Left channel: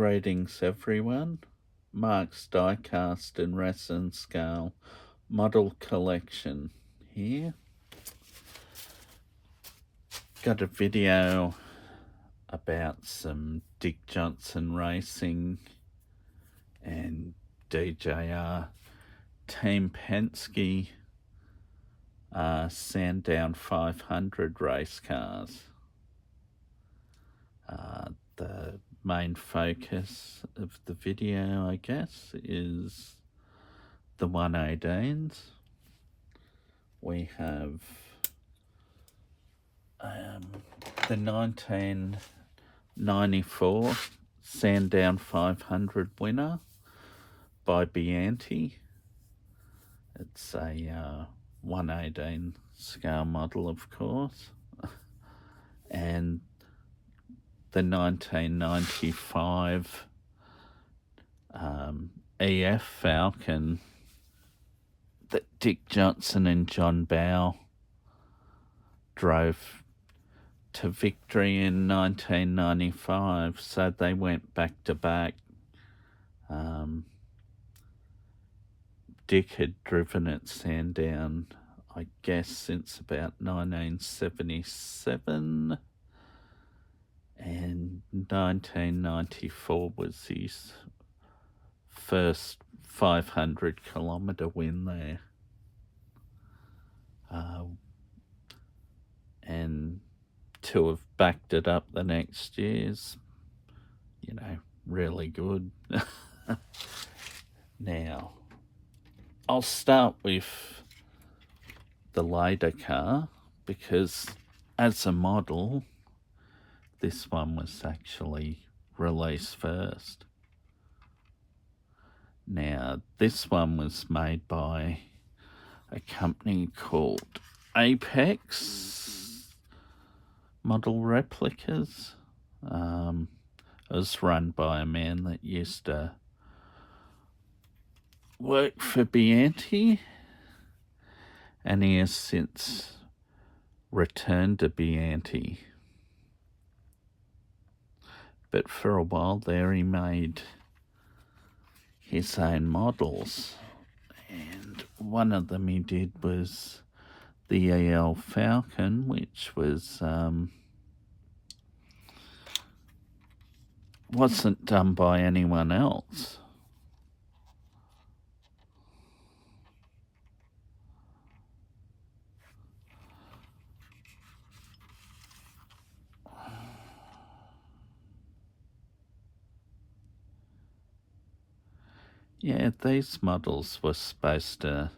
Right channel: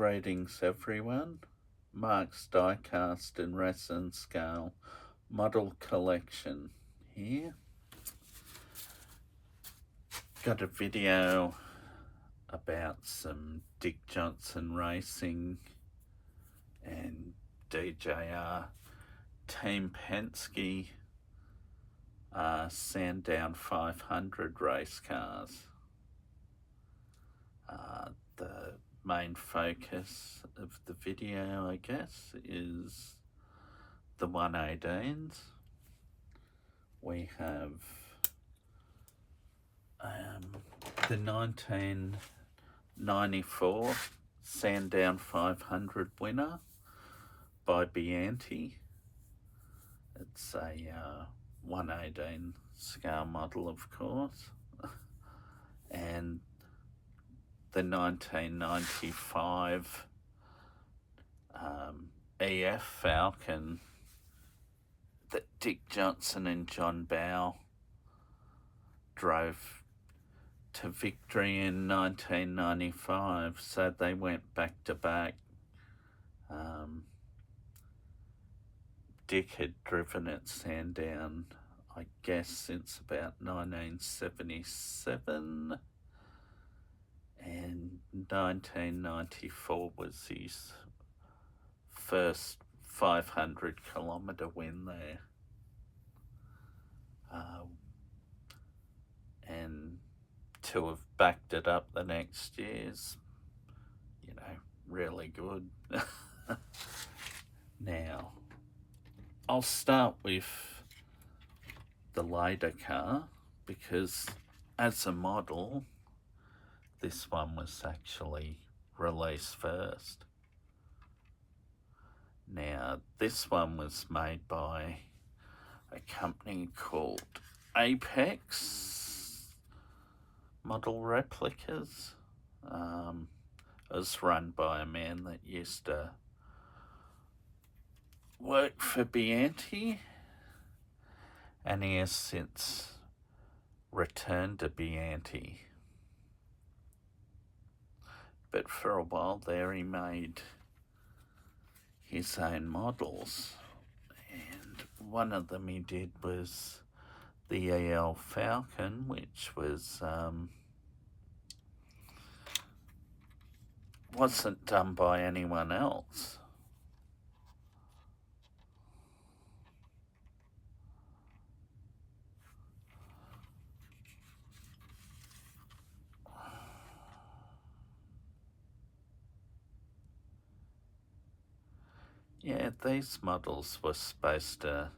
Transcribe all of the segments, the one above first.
Greetings everyone. Mark's Diecast and Resin Scale Model Collection here. Got a video about some Dick Johnson Racing and DJR Team Penske Sandown 500 race cars. The main focus of the video, I guess, is the 118s. We have the 1994 Sandown 500 winner by Bianchi. It's a 118 scale model, of course, and the 1995 EF Falcon that Dick Johnson and John Bowe drove to victory in 1995, so they went back to back. Dick had driven at Sandown, I guess, since about 1977. And 1994 was his first 500 kilometre win there. And to have backed it up the next year's, really good. Now, I'll start with the later car because as a model, this one was actually released first. Now, this one was made by a company called Apex Model Replicas. It was run by a man that used to work for Bianchi, and he has since returned to Bianchi. But for a while there, he made his own models, and one of them he did was the EL Falcon, which was wasn't done by anyone else. Yeah, these models were supposed to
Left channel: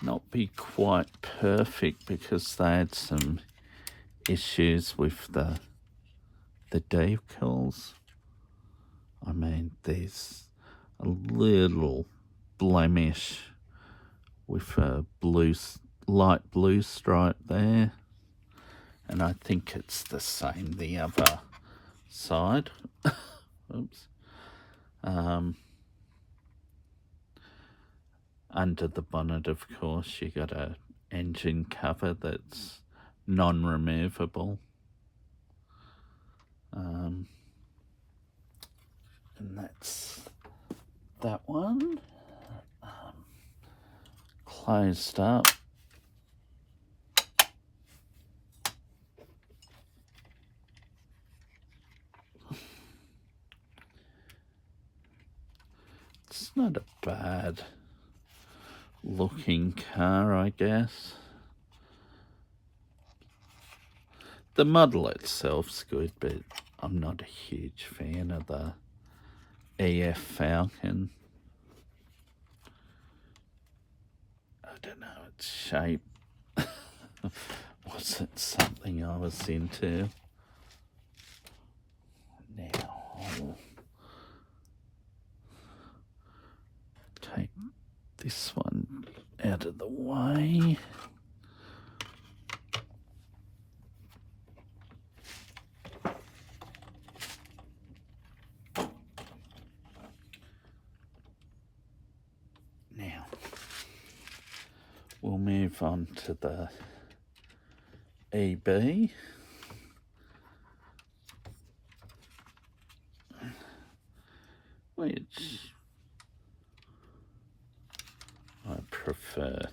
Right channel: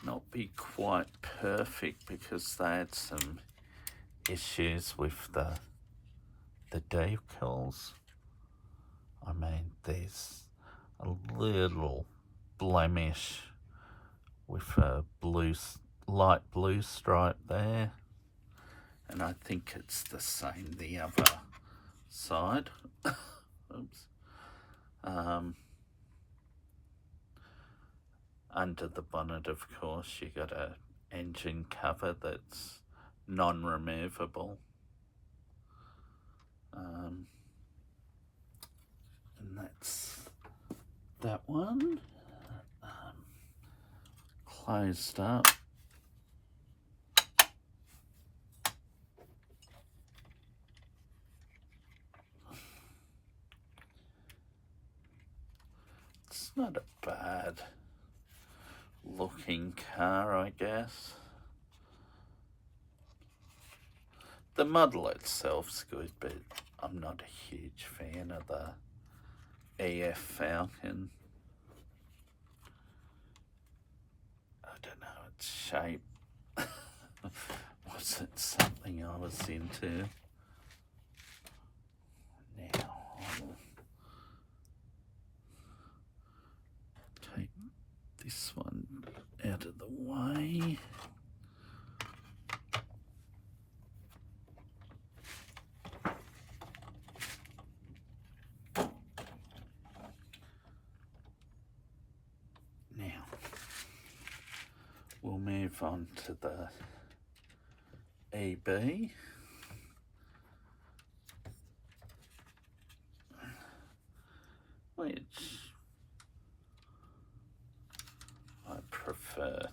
not be quite perfect because they had some issues with the decals. I mean, there's a little blemish with a light blue stripe there, and I think it's the same the other side. Oops. Under the bonnet, of course, you got a engine cover that's non-removable. And that's that one. Closed up. It's not a bad looking car, I guess. The model itself's good, but I'm not a huge fan of the EF Falcon. I don't know, its shape wasn't something I was into. Now I'll take this one out of the way. Now we'll move on to the EB. which I prefer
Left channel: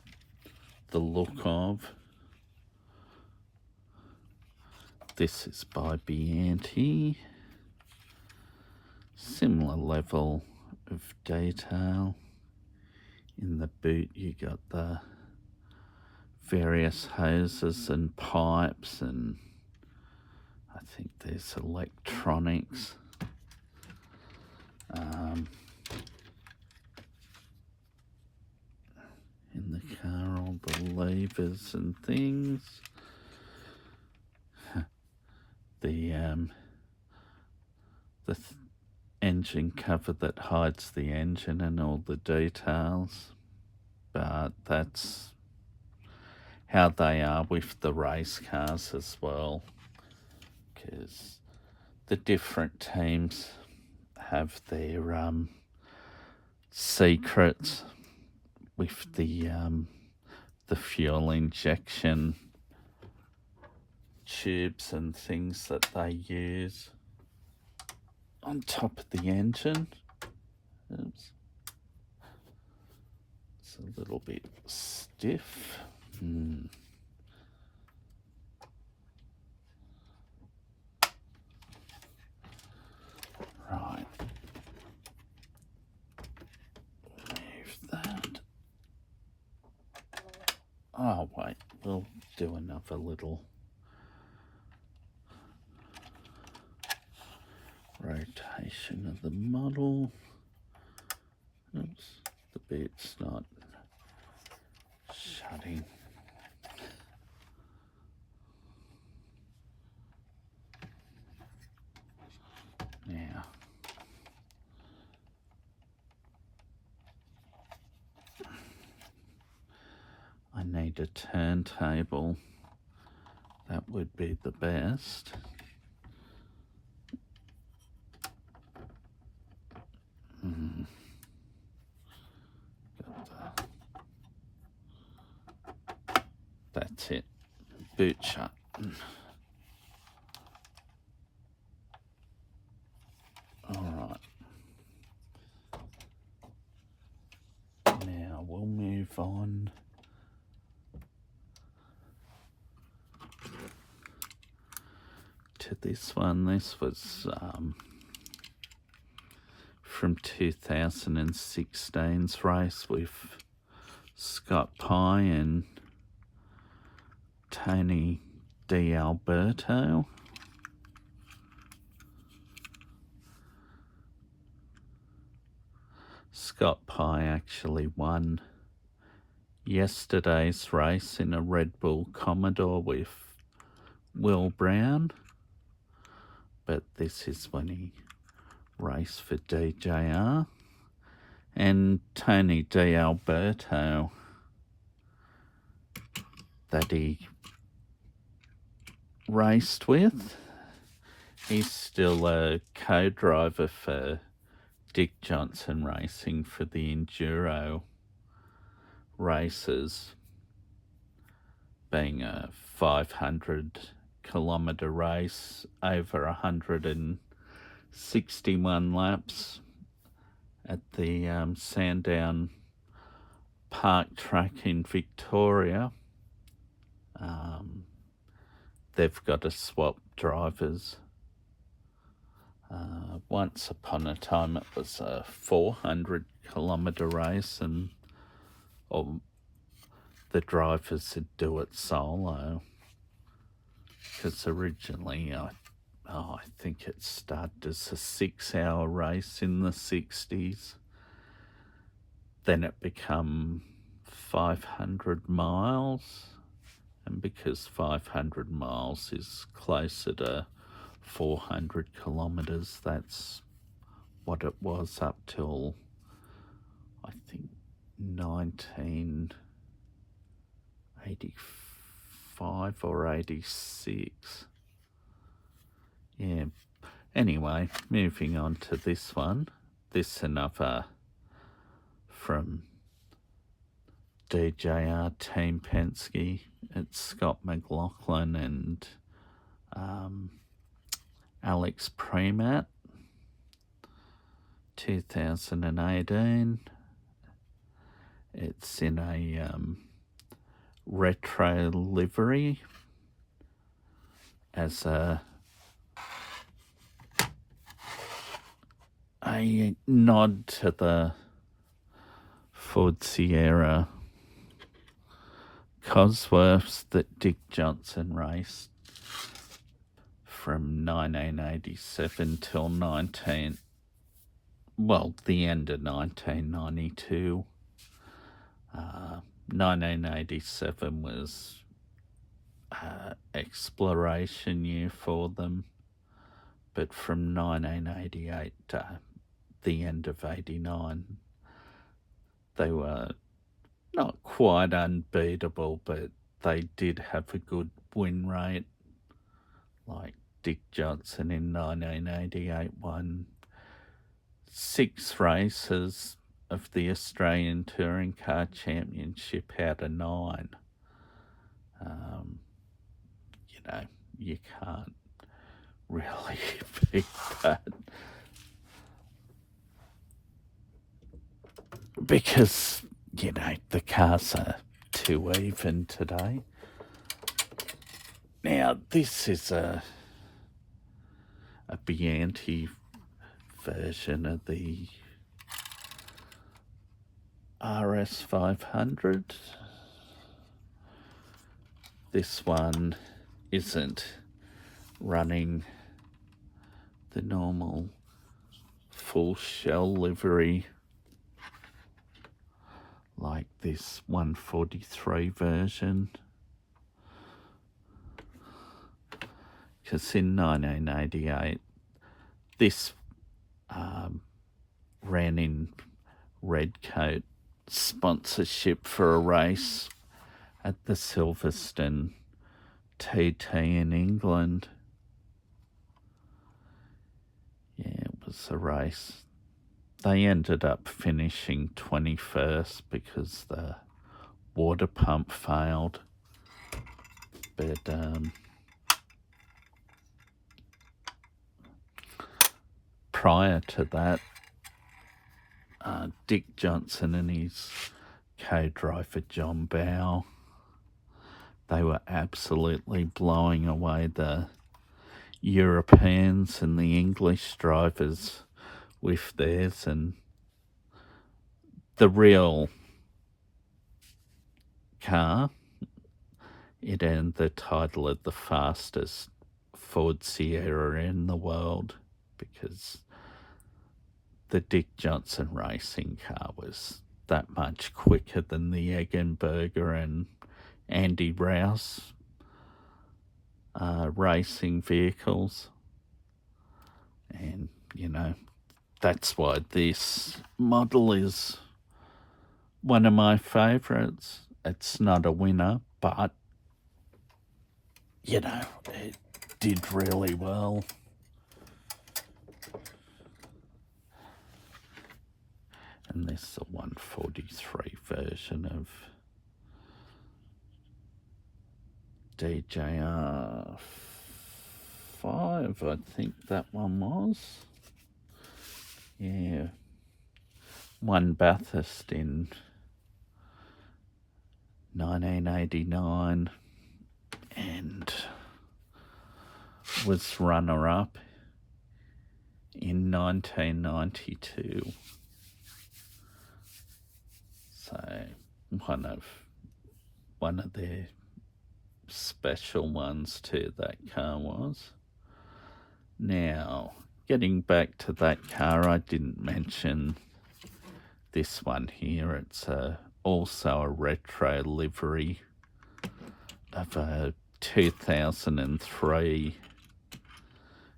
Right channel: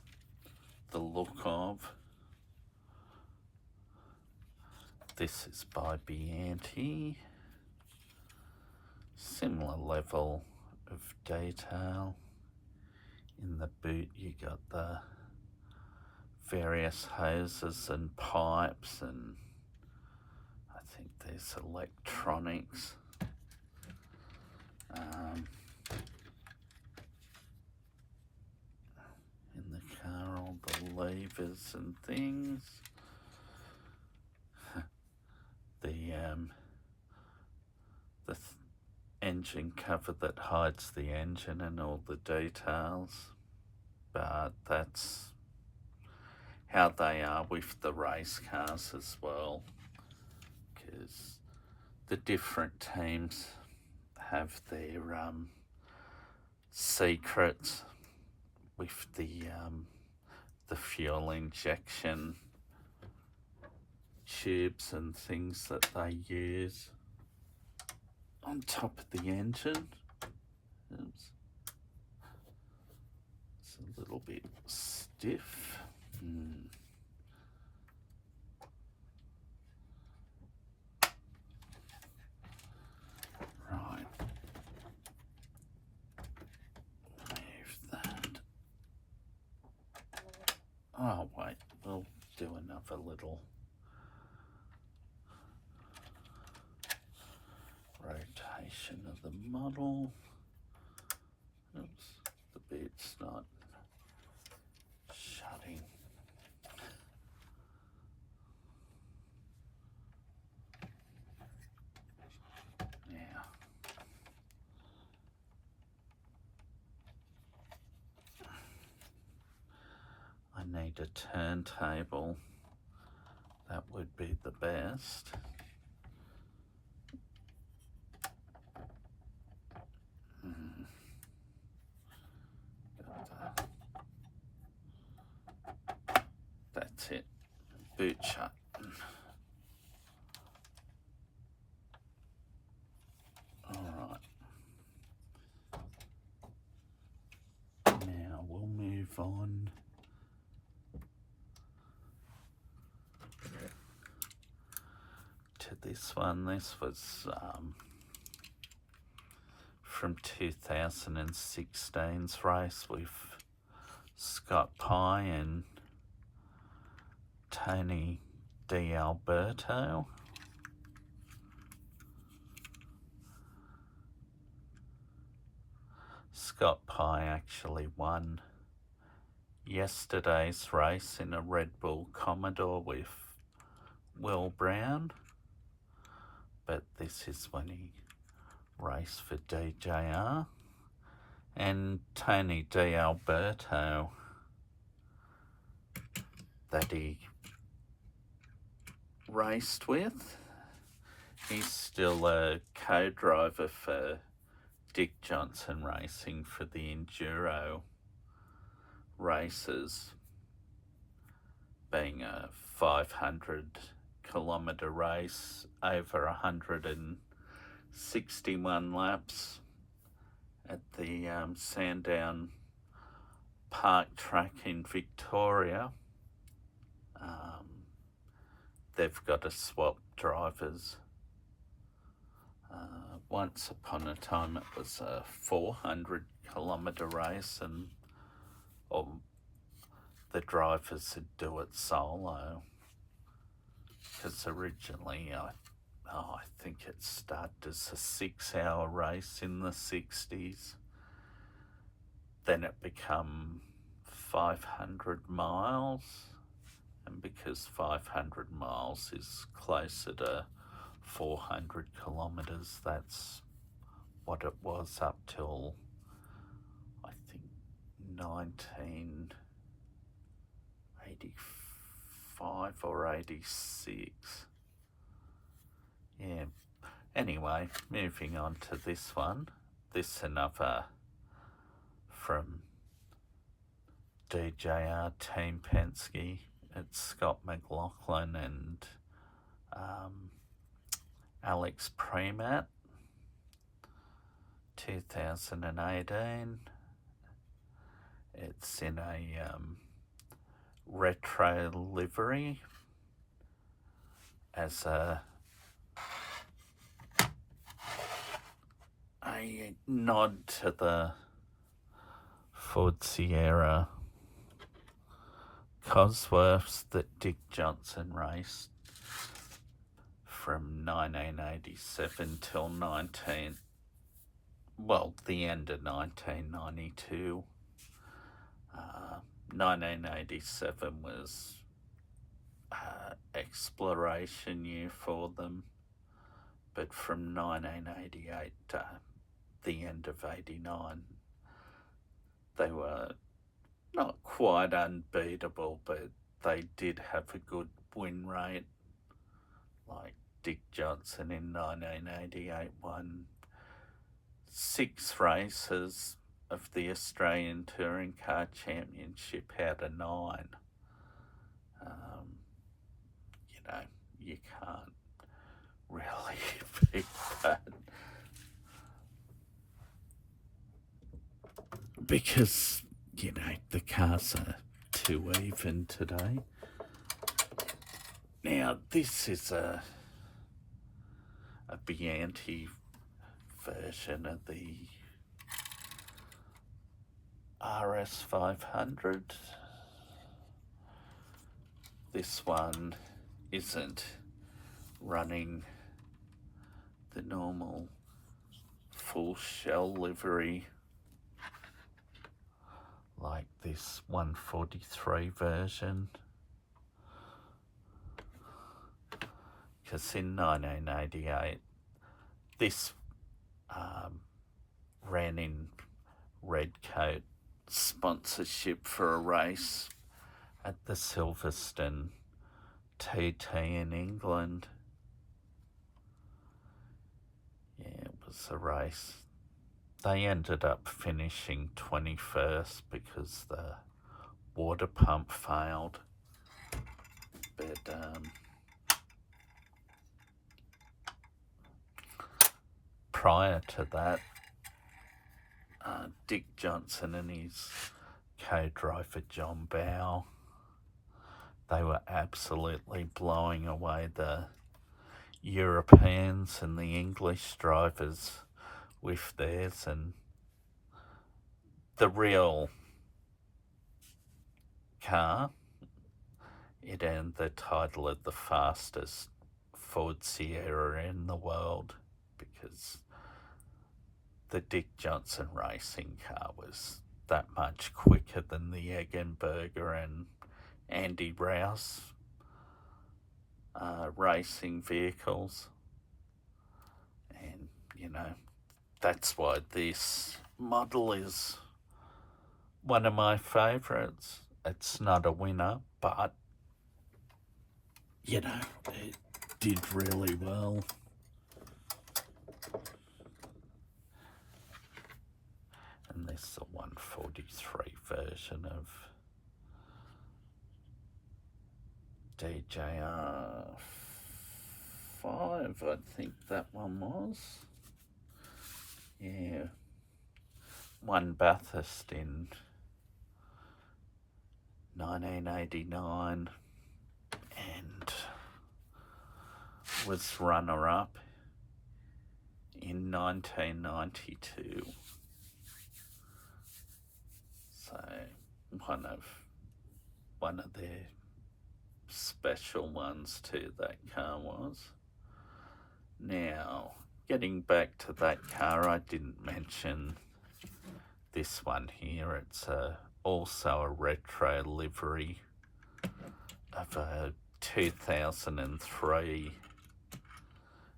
the look of. This is by Bianti. Similar level of detail. In the boot you got the various hoses and pipes, and I think there's electronics. In the car, all the levers and things. The engine cover that hides the engine and all the details, but that's how they are with the race cars as well, because the different teams have their secrets with the fuel injection tubes and things that they use on top of the engine. Oops. It's a little bit stiff. Right. Move that. Oh wait, we'll do another little rotation of the model. Oops, the bit's not shutting. Now, I need a turntable. That would be the best. That's it. Boot shut. Alright. Now we'll move on to this one. This was from 2016's race with Scott Pye and Tony D'Alberto. Scott Pye actually won yesterday's race in a Red Bull Commodore with Will Brown, but this is when he raced for DJR. And Tony D'Alberto, that he raced with, he's still a co-driver for Dick Johnson Racing for the Enduro races, being a 500-kilometre race over 161 laps at the Sandown Park track in Victoria. They've got to swap drivers. Once upon a time it was a 400-kilometre race, and the drivers would do it solo, because originally I think it started as a 6-hour race in the 60s. Then it became 500 miles, and because 500 miles is closer to 400 kilometres, that's what it was up till I think 1985 or 86. Yeah, anyway, moving on to this one. This another from DJR Team Penske. It's Scott McLaughlin and Alex Premat. 2018. It's in a retro livery as a nod to the Ford Sierra Cosworths that Dick Johnson raced from 1987 till the end of 1992. 1987 was exploration year for them, but from 1988 to the end of 89, they were not quite unbeatable, but they did have a good win rate. Like Dick Johnson in 1988 won 6 races of the Australian Touring Car Championship out of 9. You can't really beat that. Because, the cars are too even today. Now, this is a Bianchi version of the RS500. This one isn't running the normal full shell livery like this 143 version, because in 1988 this ran in Redcoat sponsorship for a race at the Silverstone TT in England. Yeah, it was a race. They ended up finishing 21st because the water pump failed. But prior to that, Dick Johnson and his co-driver John Bowe, they were absolutely blowing away the Europeans and the English drivers with theirs, and the real car, it earned the title of the fastest Ford Sierra in the world, because the Dick Johnson racing car was that much quicker than the Eggenberger and Andy Rouse racing vehicles. And, that's why this model is one of my favourites. It's not a winner, but, it did really well. And this is a 143 version of DJR 5, I think that one was. Yeah. Won Bathurst in 1989 and was runner-up in 1992. So one of their special ones too, that car was. Now, getting back to that car, I didn't mention this one here. It's also a retro livery of a 2003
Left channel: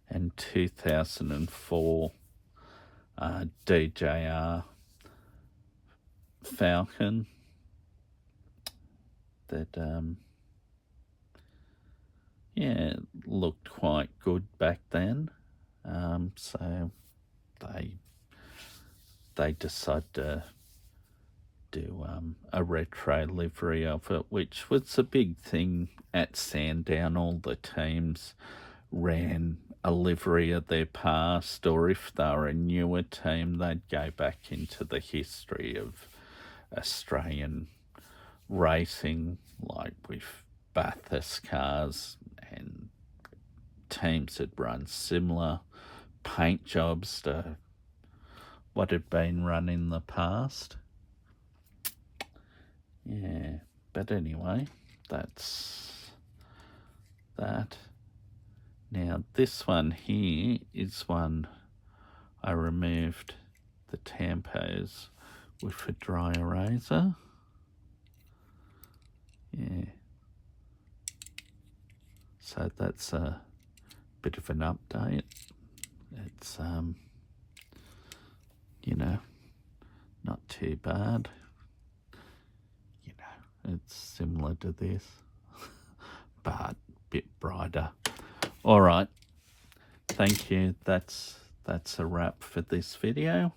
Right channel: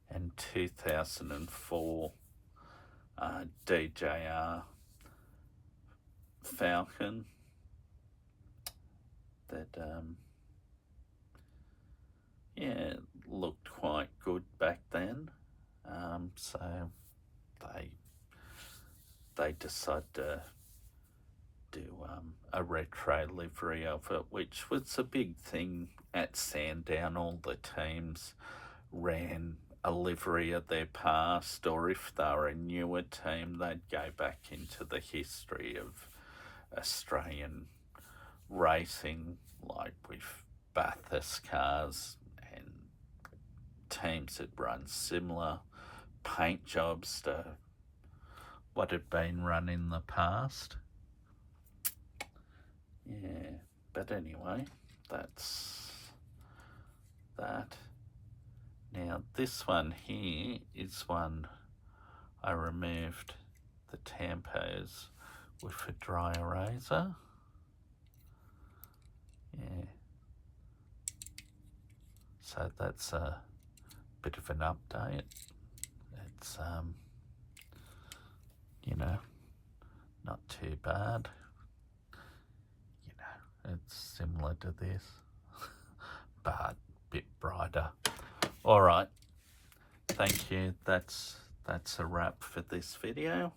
and 2004 DJR Falcon that looked quite good back then. So they decided to do a retro livery of it, which was a big thing at Sandown. All the teams ran a livery of their past, or if they're a newer team, they'd go back into the history of Australian racing, like with Bathurst cars and teams that run similar paint jobs to what had been run in the past. Yeah, but anyway, that's that. Now this one here is one I removed the tampos with a dry eraser. Yeah. So that's a bit of an update. It's you know, not too bad. You know, it's similar to this, but a bit brighter. All right, thank you. That's a wrap for this video.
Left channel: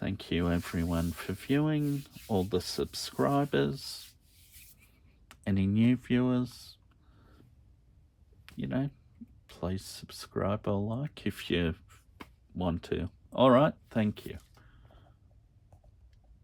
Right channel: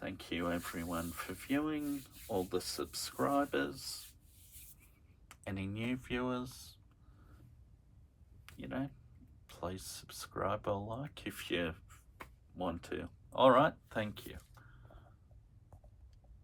Thank you everyone for viewing, all the subscribers, any new viewers, you know, please subscribe or like if you want to. All right, thank you.